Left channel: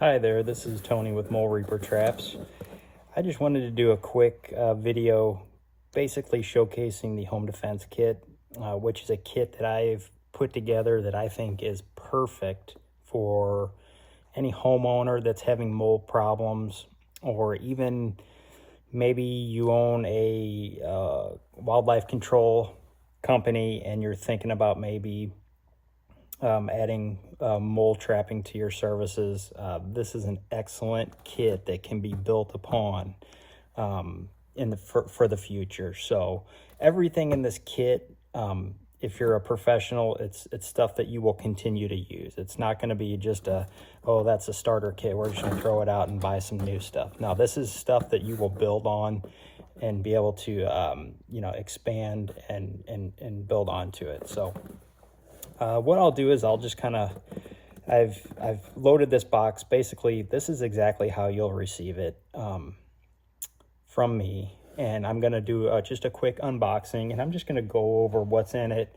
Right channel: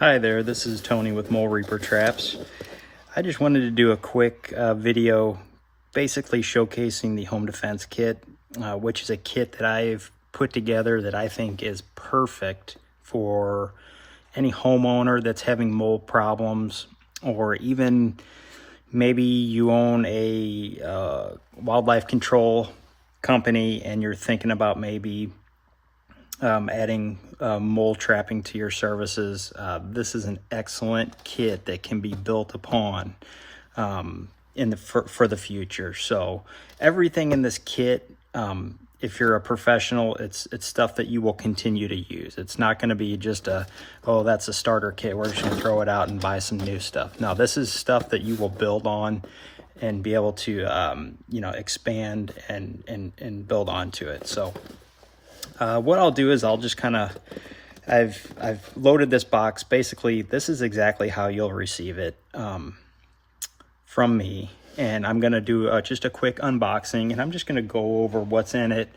Hi there, this is Tony with Mole Reaper Traps. I just wanted to do a quick video basically showcasing the home defense kit, which is a kit that I've put together that I think is perfect for any homeowner that's having mold problems, or even maybe you own a wildlife control company and you're thinking about maybe adding mold trapping to your services. This is an excellent kit that can be built upon for the future. So everything in this kit, if you're a professional, it's stuff that you will continue to use. It's not going to be just oh, that's a starter kit, we're just going to throw it out and buy some new stuff. No, this is stuff that you will build on and be able to expand and build onto it. So what I'll do is I'll just I've loaded this box. Basically, this is exactly how you'll receive it from me. And I'm gonna do just a quick unboxing, and I'm just gonna go over what's in it.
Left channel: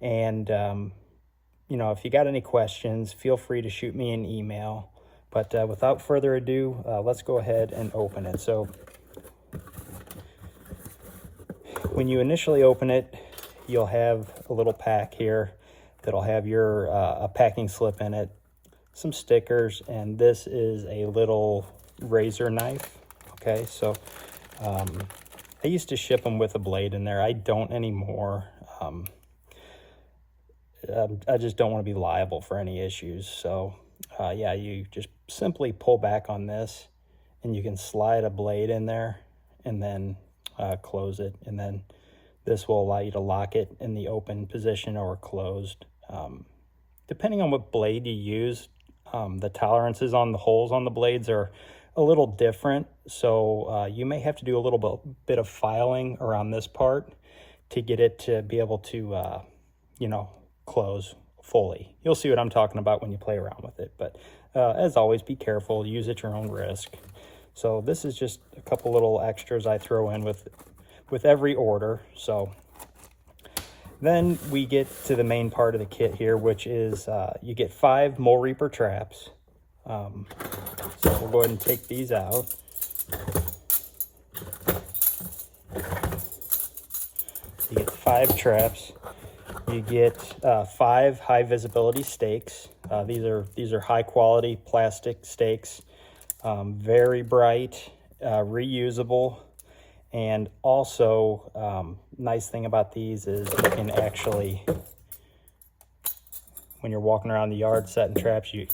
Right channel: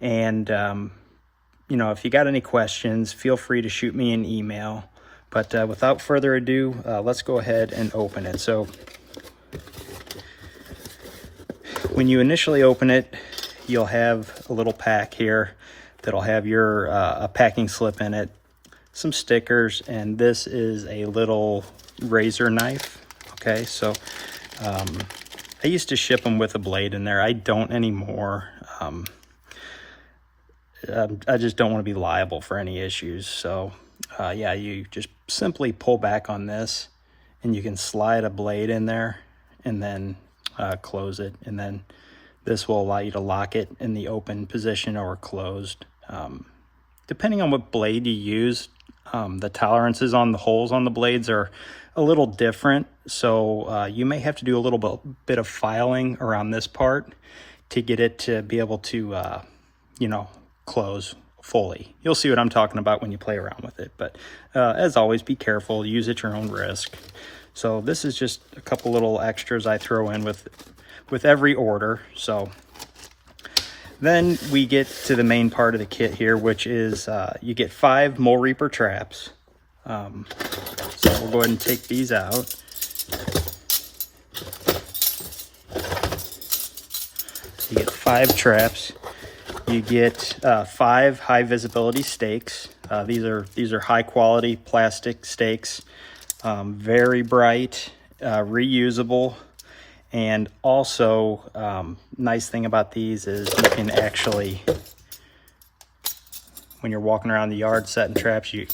And if you got any questions, feel free to shoot me an email. But without further ado, let's go ahead and open it. So when you initially open it, you'll have a little pack here that'll have your a packing slip in it, some stickers, and this is a little razor knife. Okay, so I used to ship them with a blade in there. I don't anymore. I just don't want to be liable for any issues. So yeah, you just simply pull back on this and you can slide a blade in there and then close it, and then this will allow you to lock it in the open position or closed. Depending on what blade you use, the tolerances on the holes on the blades are a little different. So you may have to do a little bit of filing around this part to get it to be able to, close fully. You'll see what I'm talking about when you play around with it. But as always, be careful, use at your own risk. So this is just a couple little extras I throw in with every order. So then we get to the main part of the kit here, which is you get 5 Mole Reaper traps. So we'll go ahead and take these out. You get 5 traps. You get 5 high visibility stakes. These are high quality plastic stakes, very bright, reusable. And also, nice thing about these is you can actually, when you're walking around the yard setting traps, you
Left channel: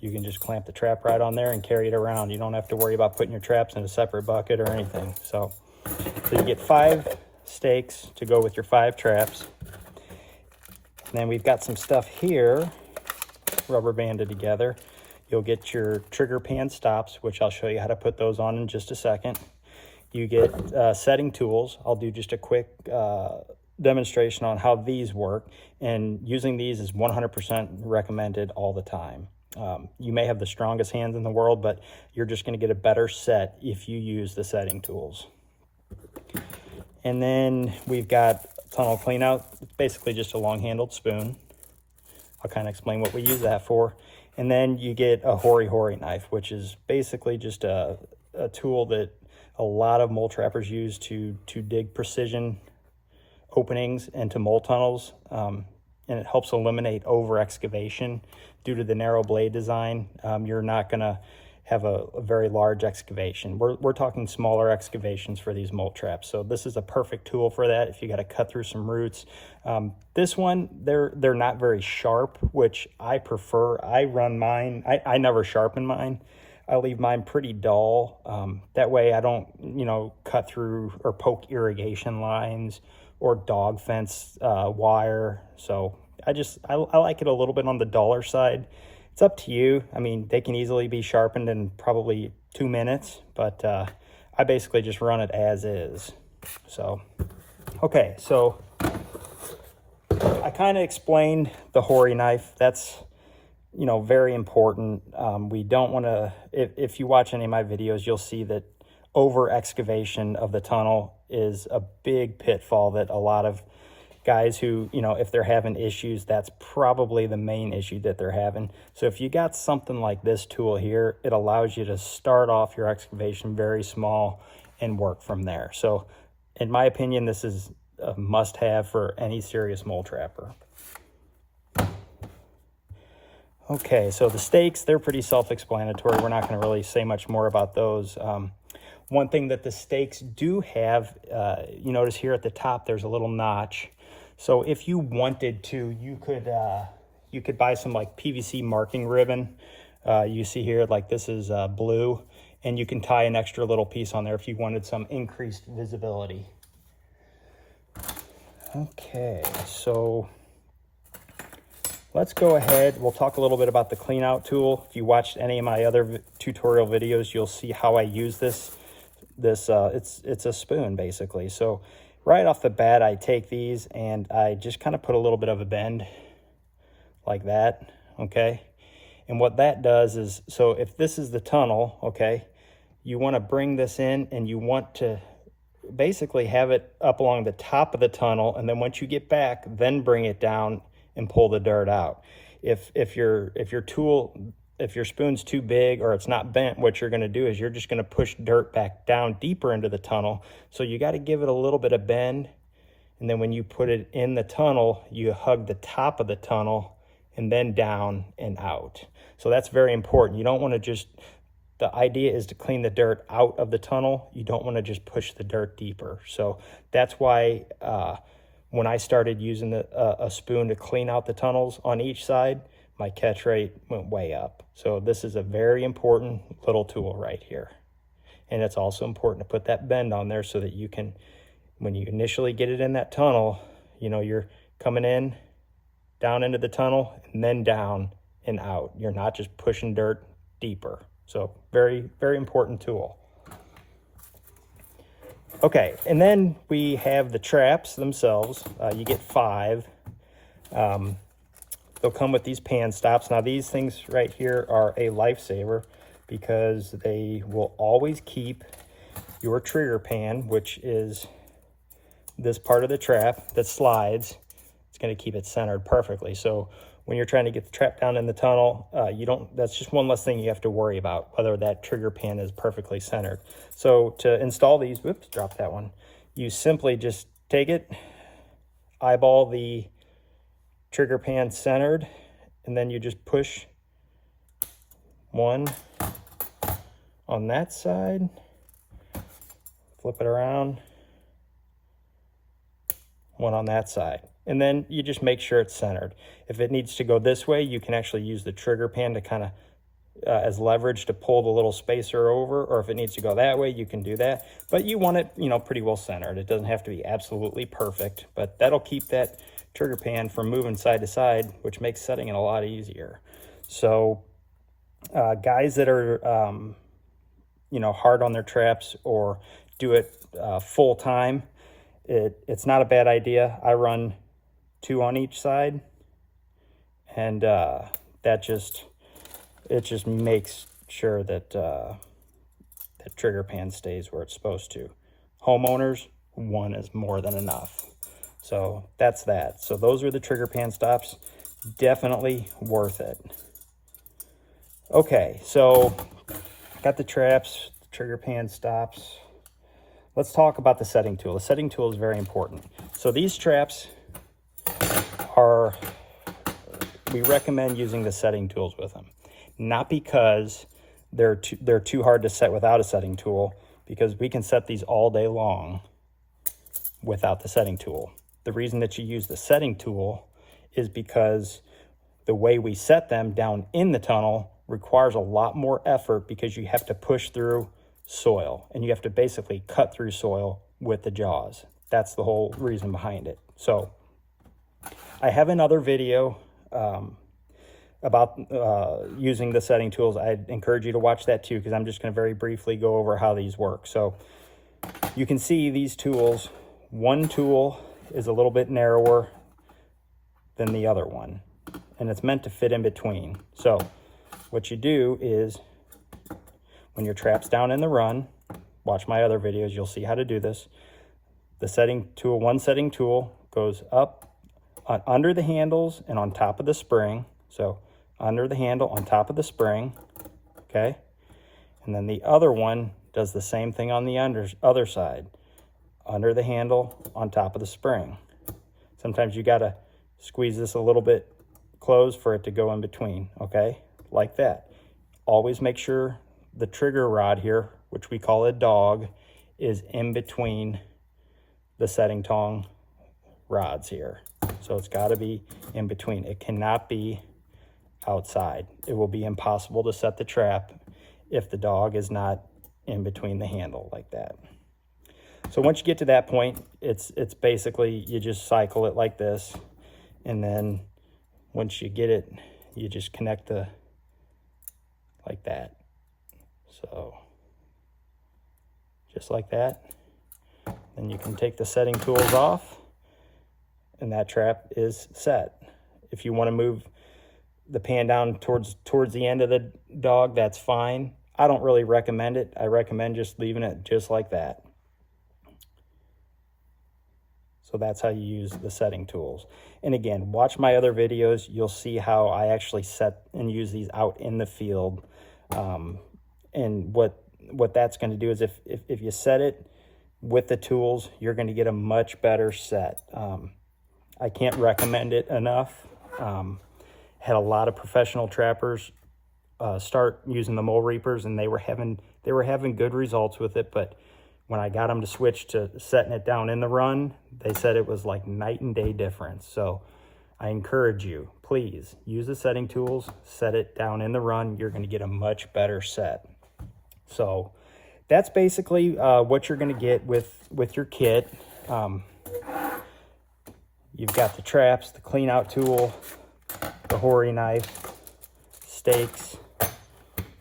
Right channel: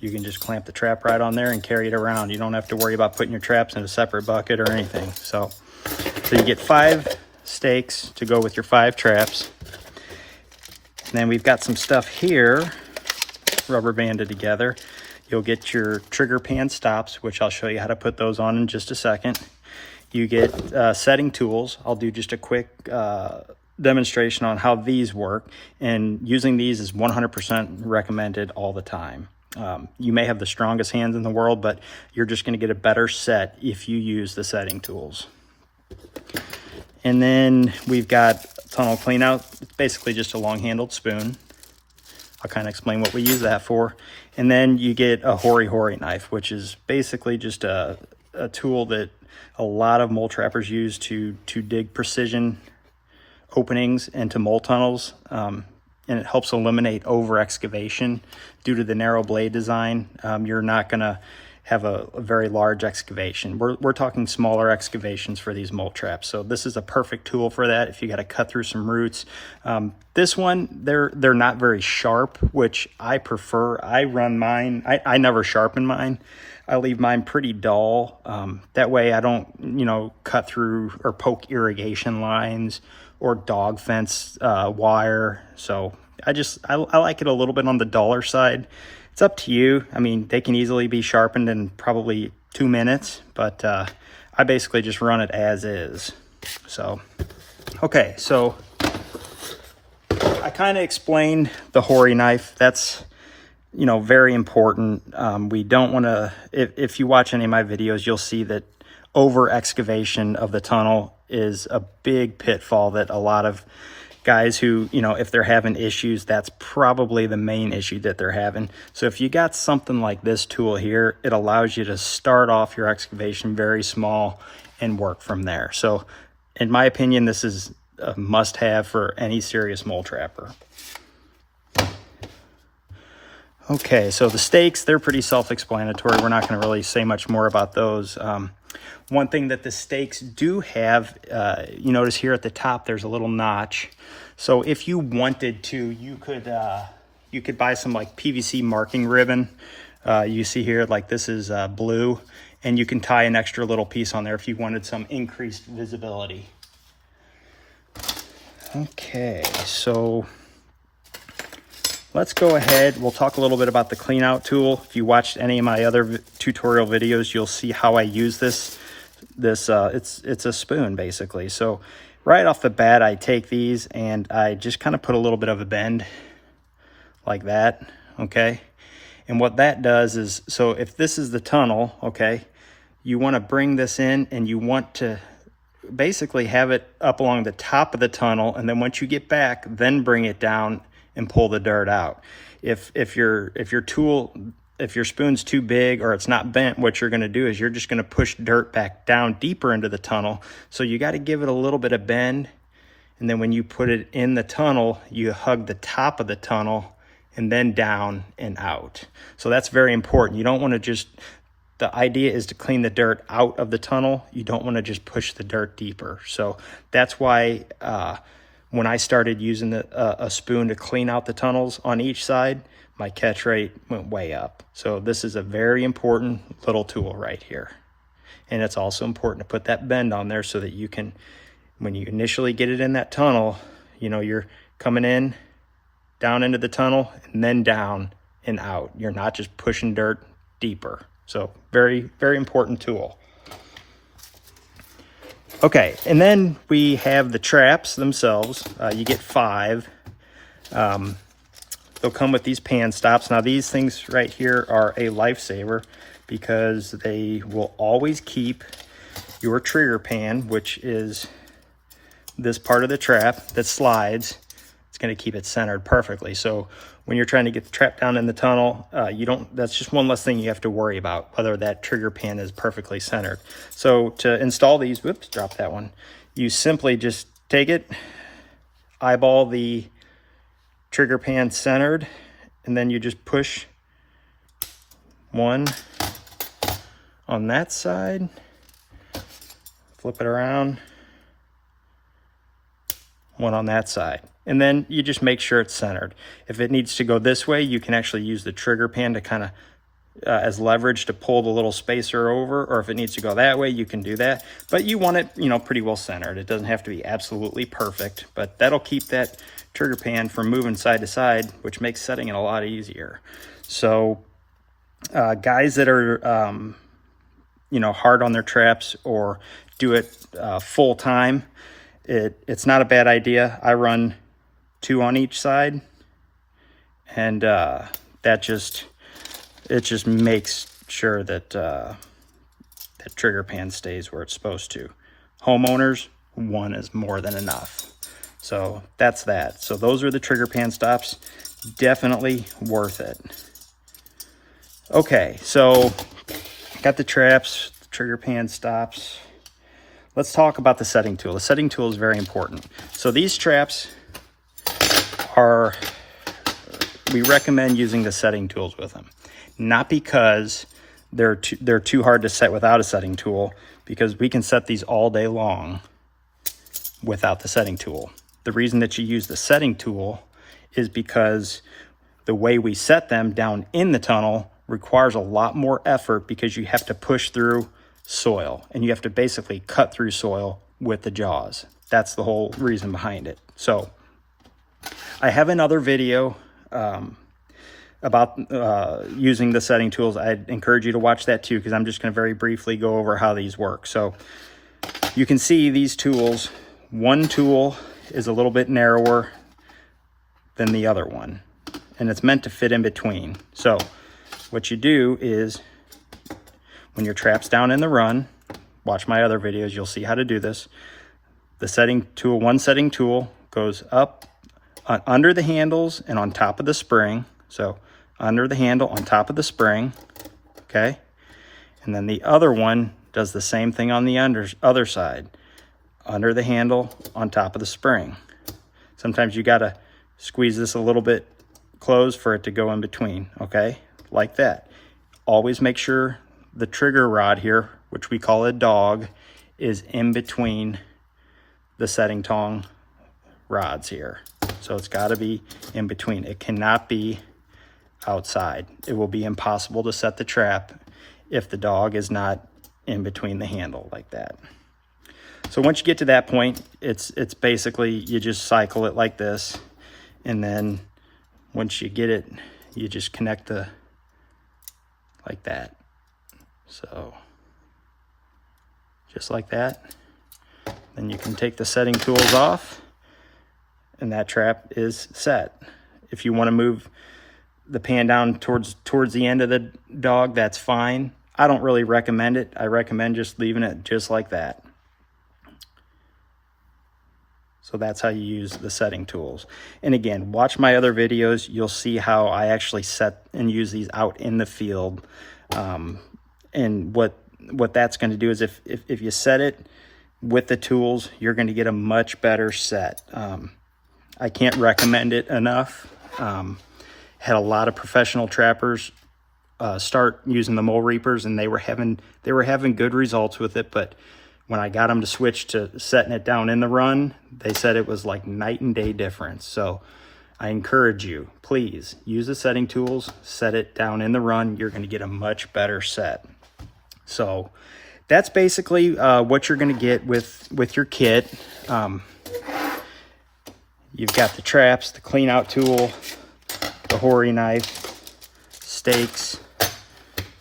can just clamp the trap right on there and carry it around. You don't have to worry about putting your traps in a separate bucket or anything. So you get 5 stakes to go with your 5 traps. And then we've got some stuff here, rubber banded together. You'll get your trigger pan stops, which I'll show you how to put those on in just a second. You get setting tools. I'll do just a quick demonstration on how these work, and using these is 100% recommended all the time. You may have the strongest hands in the world, but you're just going to get a better set if you use the setting tools. And then we've got tunnel cleanout. It's basically just a long-handled spoon. I'll kind of explain what we use that for. And then you get a hori knife, which is basically just a tool that a lot of mole trappers use to dig precision openings into mole tunnels, and it helps eliminate over excavation. Due to the narrow blade design, you're not gonna have a very large excavation. We're talking smaller excavations for these mole traps, so this is a perfect tool for that if you got to cut through some roots. This one, they're not very sharp, which I prefer. I run mine, I never sharpen mine. I leave mine pretty dull. That way I don't, cut through or poke irrigation lines or dog fence wire. So I like it a little bit on the duller side. It's up to you. I mean, they can easily be sharpened in probably 2 minutes, but I basically just run it as is. So, okay, so I kind of explained the hori knife. That's very important. We don't want to, if you watch any of my videos, you'll see that over excavation of the tunnel is a big pitfall that a lot of guys who, you know, if they're having issues, that's probably the main issue that they're having. So if you got something like this tool here, it allows you to start off your excavation very small and work from there. So in my opinion, this is a must-have for any serious mole trapper. Okay, so the stakes, they're pretty self-explanatory. We're not going to really say much more about those. One thing that the stakes do have, you notice here at the top, there's a little notch. So if you wanted to, you could buy some like PVC marking ribbon. You see here, like this is blue, and you can tie an extra little piece on there if you wanted some increased visibility. Okay, so let's go ahead. We'll talk a little bit about the clean out tool. If you watched any of my other tutorial videos, you'll see how I use this. It's a spoon basically. So right off the bat, I take these and I just kind of put a little bit of a bend like that, okay? And what that does is, so if this is the tunnel, okay, you want to bring this in and you want to basically have it up along the top of the tunnel, and then once you get back, then bring it down and pull the dirt out. If your spoon's too big or it's not bent, what you're going to do is you're just going to push dirt back down deeper into the tunnel. So you got to give it a little bit of bend, and then when you put it in the tunnel, you hug the top of the tunnel and then down and out. So that's very important. You don't want to just, the idea is to clean the dirt out of the tunnel. You don't want to just push the dirt deeper. So that's why when I started using a spoon to clean out the tunnels on each side, my catch rate went way up. So this is a very important little tool right here. And it's also important to put that bend on there so that you can, when you initially get it in that tunnel, you know, you're coming in, down into the tunnel, and then down and out. You're not just pushing dirt deeper. So very, very important tool. Okay, and then we have the traps themselves. You get 5. They'll come with these pan stops. Now these things right here are a lifesaver because they will always keep your trigger pan, which is this part of the trap that slides. It's going to keep it centered perfectly. So when you're trying to get the trap down in the tunnel, that's just one less thing you have to worry about, whether that trigger pan is perfectly centered. So to install these, whoops, drop that one. You simply just take it, eyeball the trigger pan centered, and then you just push one on that side, flip it around, one on that side. And then you just make sure it's centered. If it needs to go this way, you can actually use the trigger pan to kind of as leverage to pull the little spacer over, or if it needs to go that way, you can do that. But you want it, you know, pretty well centered. It doesn't have to be absolutely perfect, but that'll keep that trigger pan from moving side to side, which makes setting it a lot easier. So guys that are, you know, hard on their traps or do it full time, it's not a bad idea. I run 2 on each side, and it just makes sure that that trigger pan stays where it's supposed to. Homeowners, 1 is more than enough. So that's that. So those are the trigger pan stops. Definitely worth it. Okay, so got the traps, the trigger pan stops. Let's talk about the setting tool. The setting tool is very important. So these traps we recommend using the setting tools with them. Not because they're too hard to set without a setting tool, because we can set these all day long without the setting tool. The reason that you use the setting tool is because the way we set them down in the tunnel requires a lot more effort, because you have to push through soil and you have to basically cut through soil with the jaws. That's the whole reason behind it. So I have another video about using the setting tools. I'd encourage you to watch that too, because I'm just going to very briefly go over how these work. So you can see these tools. One tool is a little bit narrower than the other one, and it's meant to fit in between. So what you do is, when your trap's down in the run, watch my other videos, you'll see how to do this. The setting tool, one setting tool goes up under the handles and on top of the spring. So under the handle, on top of the spring, okay? And then the other one does the same thing on the other side. Under the handle, on top of the spring. Sometimes you gotta squeeze this a little bit closed for it to go in between, okay? Like that. Always make sure the trigger rod here, which we call a dog, is in between the setting tong rods here. So it's gotta be in between. It cannot be outside. It will be impossible to set the trap if the dog is not in between the handle like that. So once you get to that point, it's basically, you just cycle it like this, and then once you get it, you just connect like that. So just like that. Then you can take the setting tools off, and that trap is set. If you want to move the pan down towards the end of the dog, that's fine. I don't really recommend it. I recommend just leaving it just like that. So that's how you use the setting tools. And again, watch my other videos. You'll see how I actually set and use these out in the field. And what that's going to do is if you set it with the tools, you're going to get a much better set. I can't recommend it enough. Had a lot of professional trappers start using the mole reapers, and they were having good results with it. But when I got them to switch to setting it down in the run, they said it was like night and day difference. So I encourage you, please use the setting tools, set it down in the run. You're going to get a much better set. So that's basically what you're going to get with your kit. You've got the traps, the clean out tool, the Hori knife, stakes,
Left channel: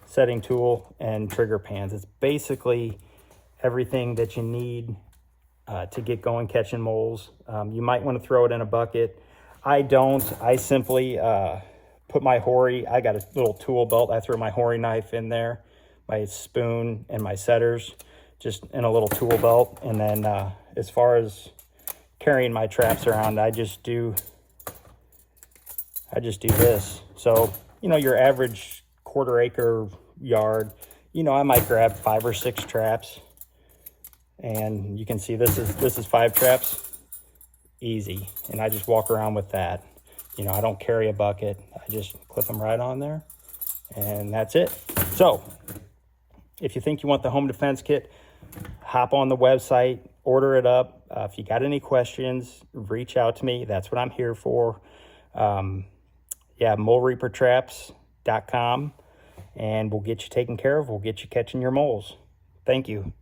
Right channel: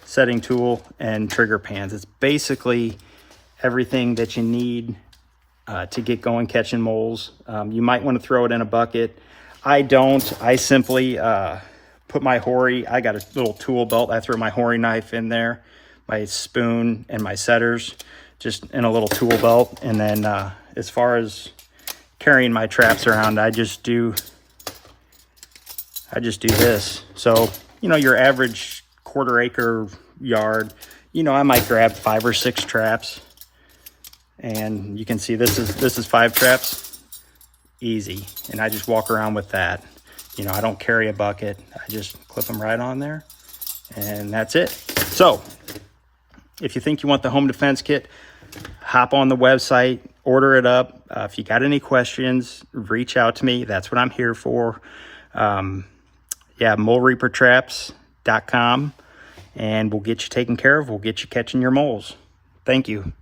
setting tool, and trigger pans. It's basically everything that you need to get going catching moles. You might want to throw it in a bucket. I don't. I simply put my Hori, I got a little tool belt. I throw my Hori knife in there, my spoon, and my setters just in a little tool belt. And then as far as carrying my traps around, I just do this. So, you know, your average quarter-acre yard, you know, I might grab 5 or 6 traps. And you can see this is 5 traps, easy. And I just walk around with that. You know, I don't carry a bucket. I just clip them right on there, and that's it. So if you think you want the home defense kit, hop on the website, order it up. If you got any questions, reach out to me. That's what I'm here for. Yeah, molereapertraps.com, and we'll get you taken care of. We'll get you catching your moles. Thank you.